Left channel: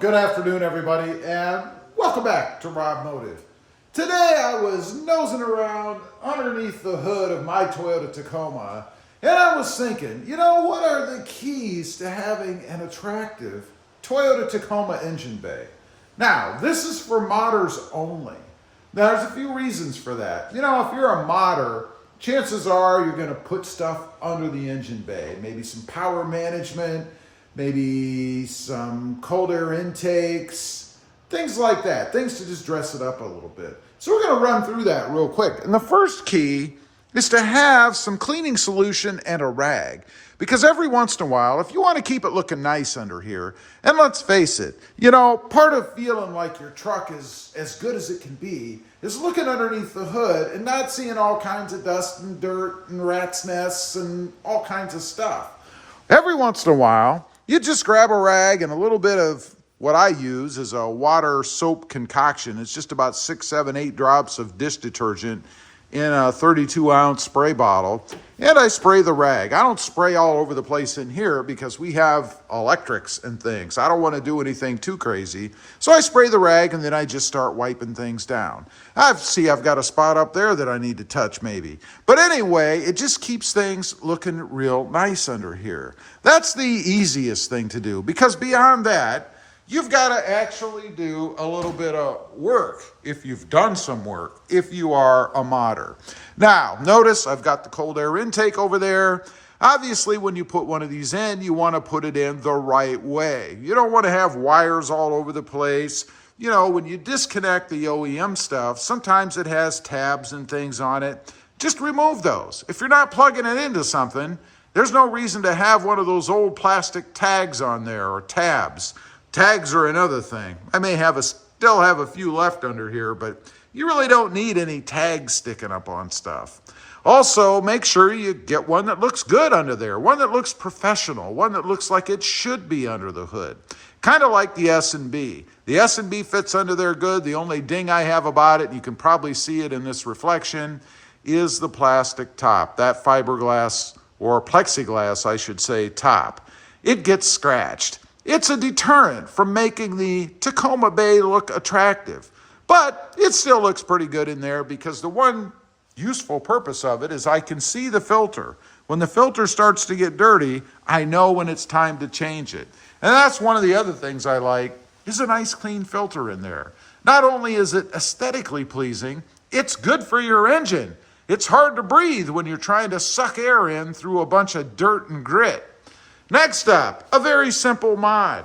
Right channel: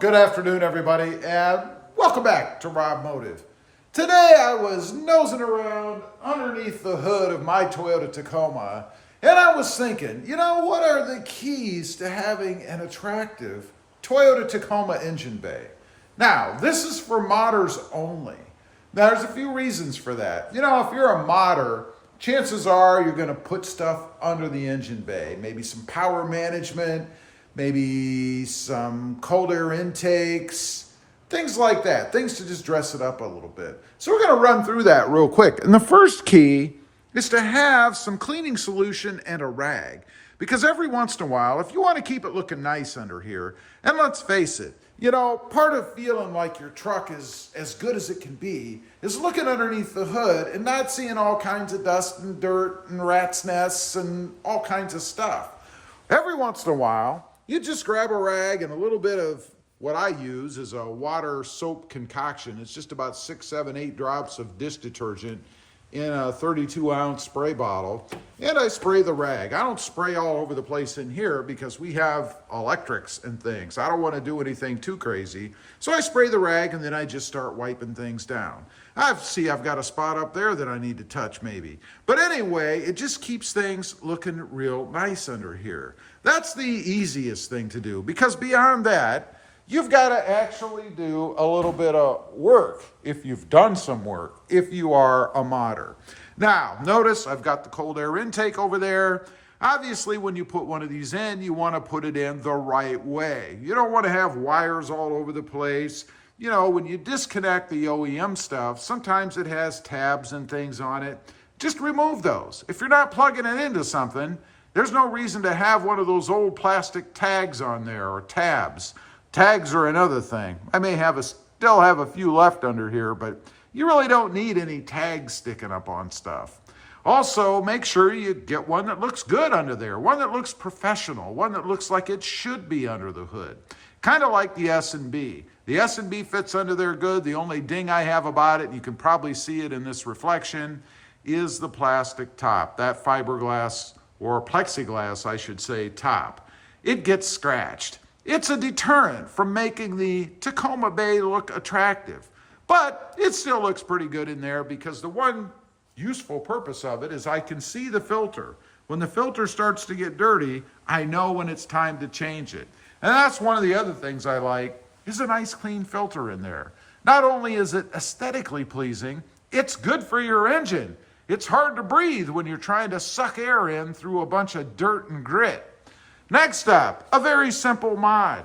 Good afternoon, everybody, and welcome back to RobMotive. Today I was nosing around underneath the hood of my Toyota Tacoma, and I was thinking, what are the keys to having an attractive Toyota Tacoma engine bay? Now, this is for modders only. Now, there's a few reasons for that. If you're a modder, chances are you're going to put stuff under the engine bay, maybe some power management, maybe some cold air intakes, things like that, things to just dress it up a little bit. So we're going to run through that real quick. And the first key is to have some cleaning solution and a rag. Because every once in a while, if you want to keep it looking nice under here, and let's face it, part of feeling like your truck is as good as it can be is looking underneath the hood and not seeing all kinds of dust and dirt and rat's nests and all kinds of stuff. Every once in a while, you just grab a rag and a little bit of what I use is a water soap concoction. It's just about 6, 7, 8 drops of dish detergent in a 32-ounce spray bottle, and I spray the rag. I don't spray all over the place in here because we have electrics and things. I don't want to do anything too crazy. So I spray the rag and then I just start wiping things down. I've got a spot up there that I need to touch maybe. But anyway, it just keeps things looking real nice under here. That's the easiest thing to do, because beyond that, you've got to actually do a little bit of work if you've done some work, if you are a modder. Now, notice I've got the cold air intake over there. Obviously, when you put one of these in, you want to put it in the right way. You don't want to have wires all over the place. When you disconnect the OEM stuff, sometimes it has tabs and things on it. Just remove those. If you're not plugging it into something, there's no reason to have one of those old plastic tags on there or tabs. Tags are another thing. I may still have a few left under here, but you really don't need any tags sticking up on stuff. Also, make sure you get one that looks good under there, one that looks professional, one that looks like it should be under the hood. Kind of like the S&B. The S&B fits under there good. The only ding I have about it, and you can probably see it in this reflection, is the plastic top, that fiberglass or plexiglass, I should say, top. It gets scratched. It's a deterrent from making the Tacoma Bay look attractive. But it still looks pretty good in there because the one useful purpose of it is I can see the filter. When the filter starts to get dirty, I know when it's time to change it. And that's one of the other things I like, is a nice clean filter in there. Not only is it aesthetically pleasing, it's good for your engine. It's hard to breathe when you're trying to suck air in through a bunch of dirt and grit. Next up, a very simple mod.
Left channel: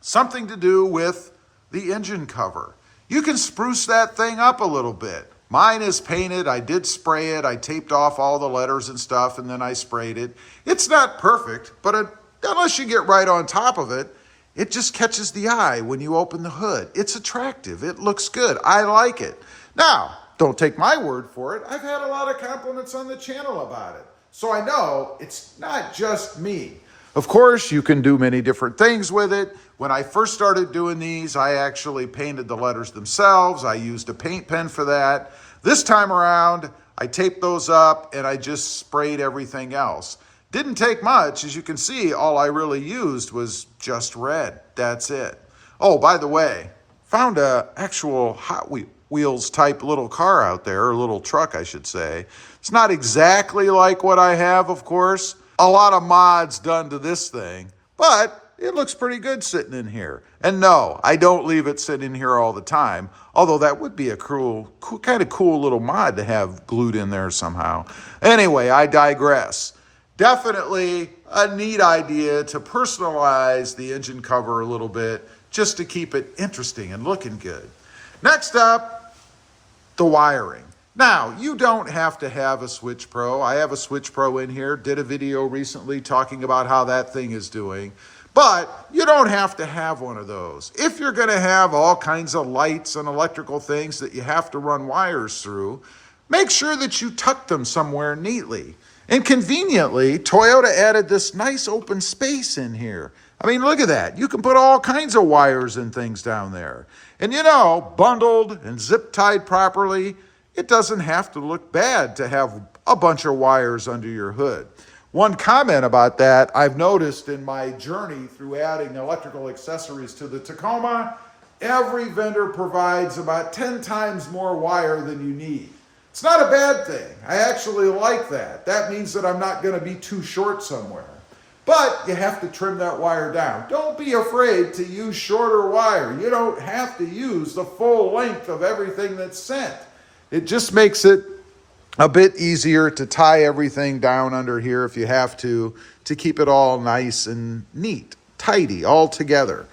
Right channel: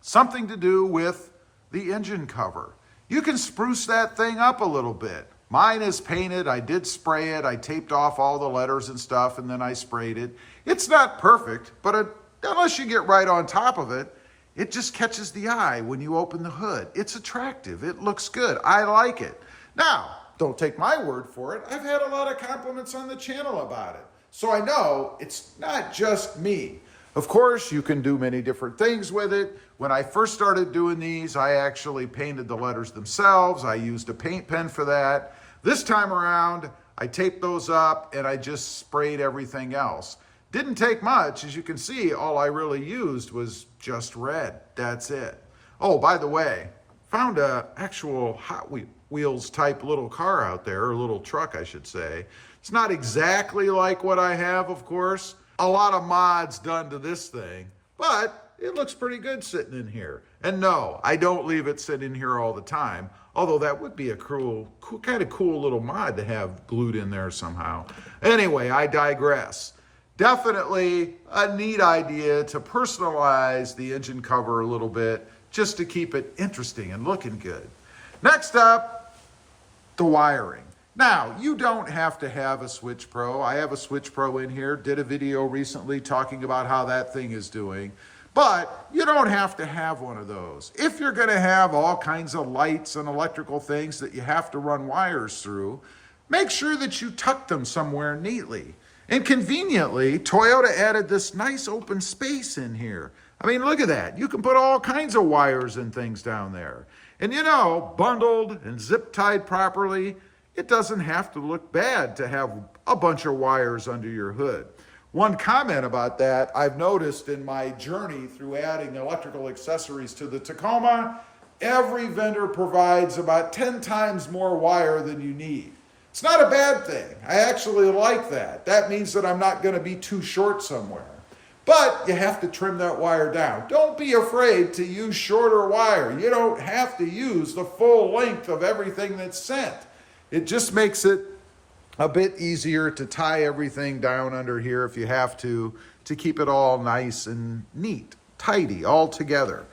Something to do with the engine cover. You can spruce that thing up a little bit. Mine is painted. I did spray it. I taped off all the letters and stuff, and then I sprayed it. It's not perfect, but unless you get right on top of it, it just catches the eye when you open the hood. It's attractive. It looks good. I like it. Now, don't take my word for it. I've had a lot of compliments on the channel about it. So I know it's not just me. Of course, you can do many different things with it. When I first started doing these, I actually painted the letters themselves. I used a paint pen for that. This time around, I taped those up and I just sprayed everything else. Didn't take much. As you can see, all I really used was just red. That's it. Oh, by the way, found a actual Hot Wheels type little car out there, or little truck, I should say. It's not exactly like what I have, of course. A lot of mods done to this thing, but it looks pretty good sitting in here. And no, I don't leave it sitting here all the time, although that would be a kind of cool little mod to have glued in there somehow. Anyway, I digress. Definitely a neat idea to personalize the engine cover a little bit, just to keep it interesting and looking good. Next up, the wiring. Now, you don't have to have a Switch Pro. I have a Switch Pro in here, did a video recently talking about how that thing is doing, but you don't have to have one of those. If you're gonna have all kinds of lights and electrical things that you have to run wires through, make sure that you tuck them somewhere neatly. And conveniently, Toyota added this nice open space in here. I mean, look at that. You can put all kinds of wires and things down there. And bundled and zip tied properly, it doesn't have to look bad to have a bunch of wires under your hood. One comment about that I've noticed in my journey through adding electrical accessories to the Tacoma, every vendor provides about 10 times more wire than you need. It's not a bad thing. I actually like that. That means that I'm not going to be too short somewhere. But you have to trim that wire down. Don't be afraid to use shorter wire. You don't have to use the full length of everything that's sent. It just makes it a bit easier to tie everything down under here if you have to keep it all nice and neat, tidy, all together.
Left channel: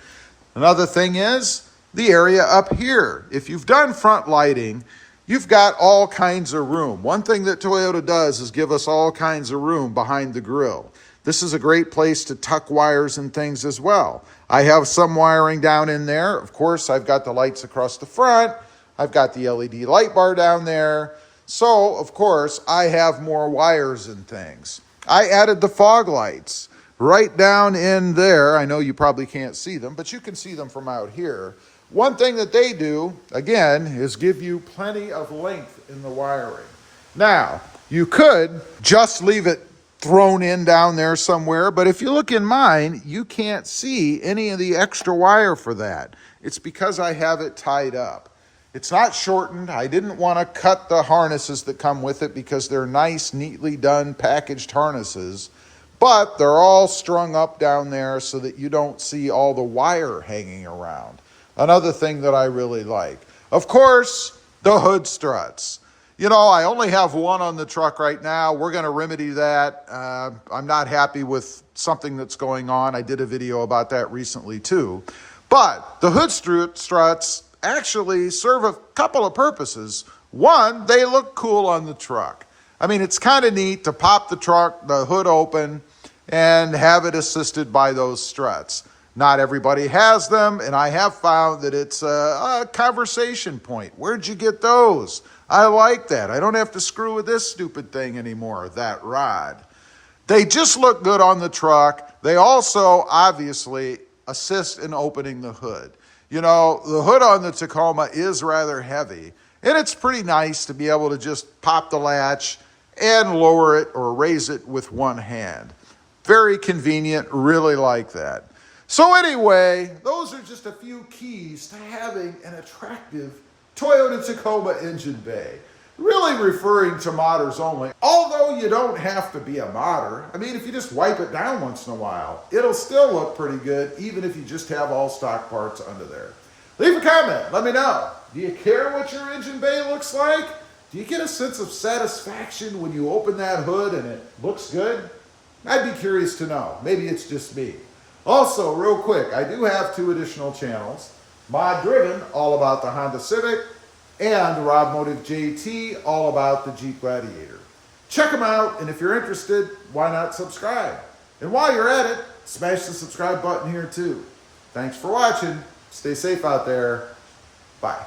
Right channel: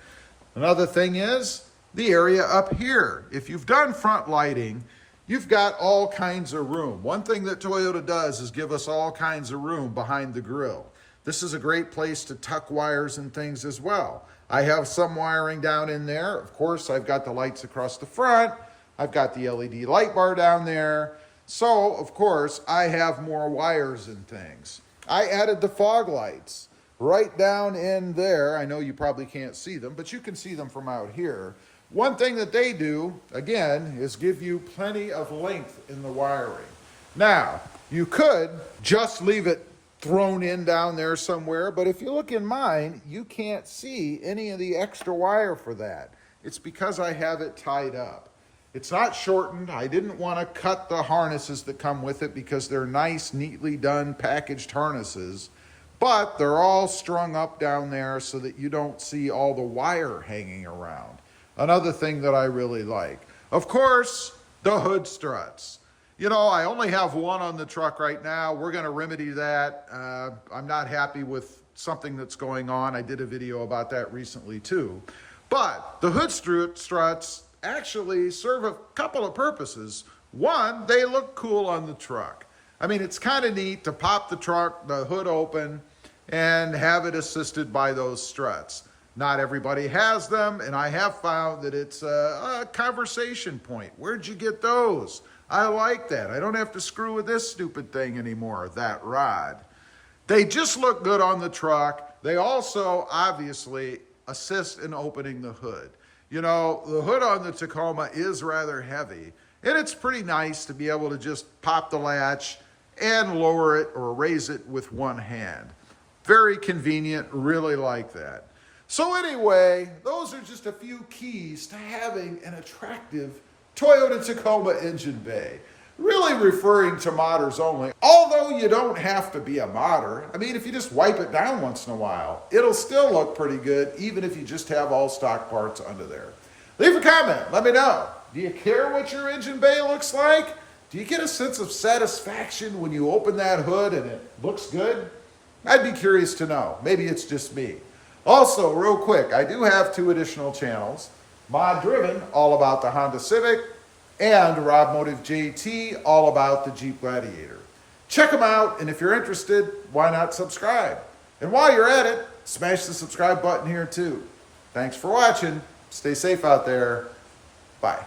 Another thing is the area up here. If you've done front lighting, you've got all kinds of room. One thing that Toyota does is give us all kinds of room behind the grille. This is a great place to tuck wires and things as well. I have some wiring down in there. Of course, I've got the lights across the front. I've got the LED light bar down there. So, of course, I have more wires and things. I added the fog lights right down in there. I know you probably can't see them, but you can see them from out here. One thing that they do, again, is give you plenty of length in the wiring. Now, you could just leave it thrown in down there somewhere, but if you look in mine, you can't see any of the extra wire for that. It's because I have it tied up. It's not shortened. I didn't want to cut the harnesses that come with it because they're nice, neatly done, packaged harnesses, but they're all strung up down there so that you don't see all the wire hanging around. Another thing that I really like. Of course, the hood struts. You know, I only have one on the truck right now. We're going to remedy that. I'm not happy with something that's going on. I did a video about that recently too. But the hood struts actually serve a couple of purposes. One, they look cool on the truck. I mean, it's kind of neat to pop the hood open and have it assisted by those struts. Not everybody has them, and I have found that it's a conversation point. Where'd you get those? I like that. I don't have to screw with this stupid thing anymore, that rod. They just look good on the truck. They also obviously assist in opening the hood. You know, the hood on the Tacoma is rather heavy, and it's pretty nice to be able to just pop the latch and lower it or raise it with one hand. Very convenient, really like that. So anyway, those are just a few keys to having an attractive Toyota Tacoma engine bay. Really referring to modders only, although you don't have to be a modder. I mean, if you just wipe it down once in a while, it'll still look pretty good, even if you just have all stock parts under there. Leave a comment, let me know. Do you care what your engine bay looks like? Do you get a sense of satisfaction when you open that hood and it looks good? I'd be curious to know. Maybe it's just me. Also, real quick, I do have 2 additional channels. Mod Driven, all about the Honda Civic, and RobMotive JT, all about the Jeep Gladiator. Check them out, and if you're interested, why not subscribe? And while you're at it, smash the subscribe button here too. Thanks for watching. Stay safe out there. Bye.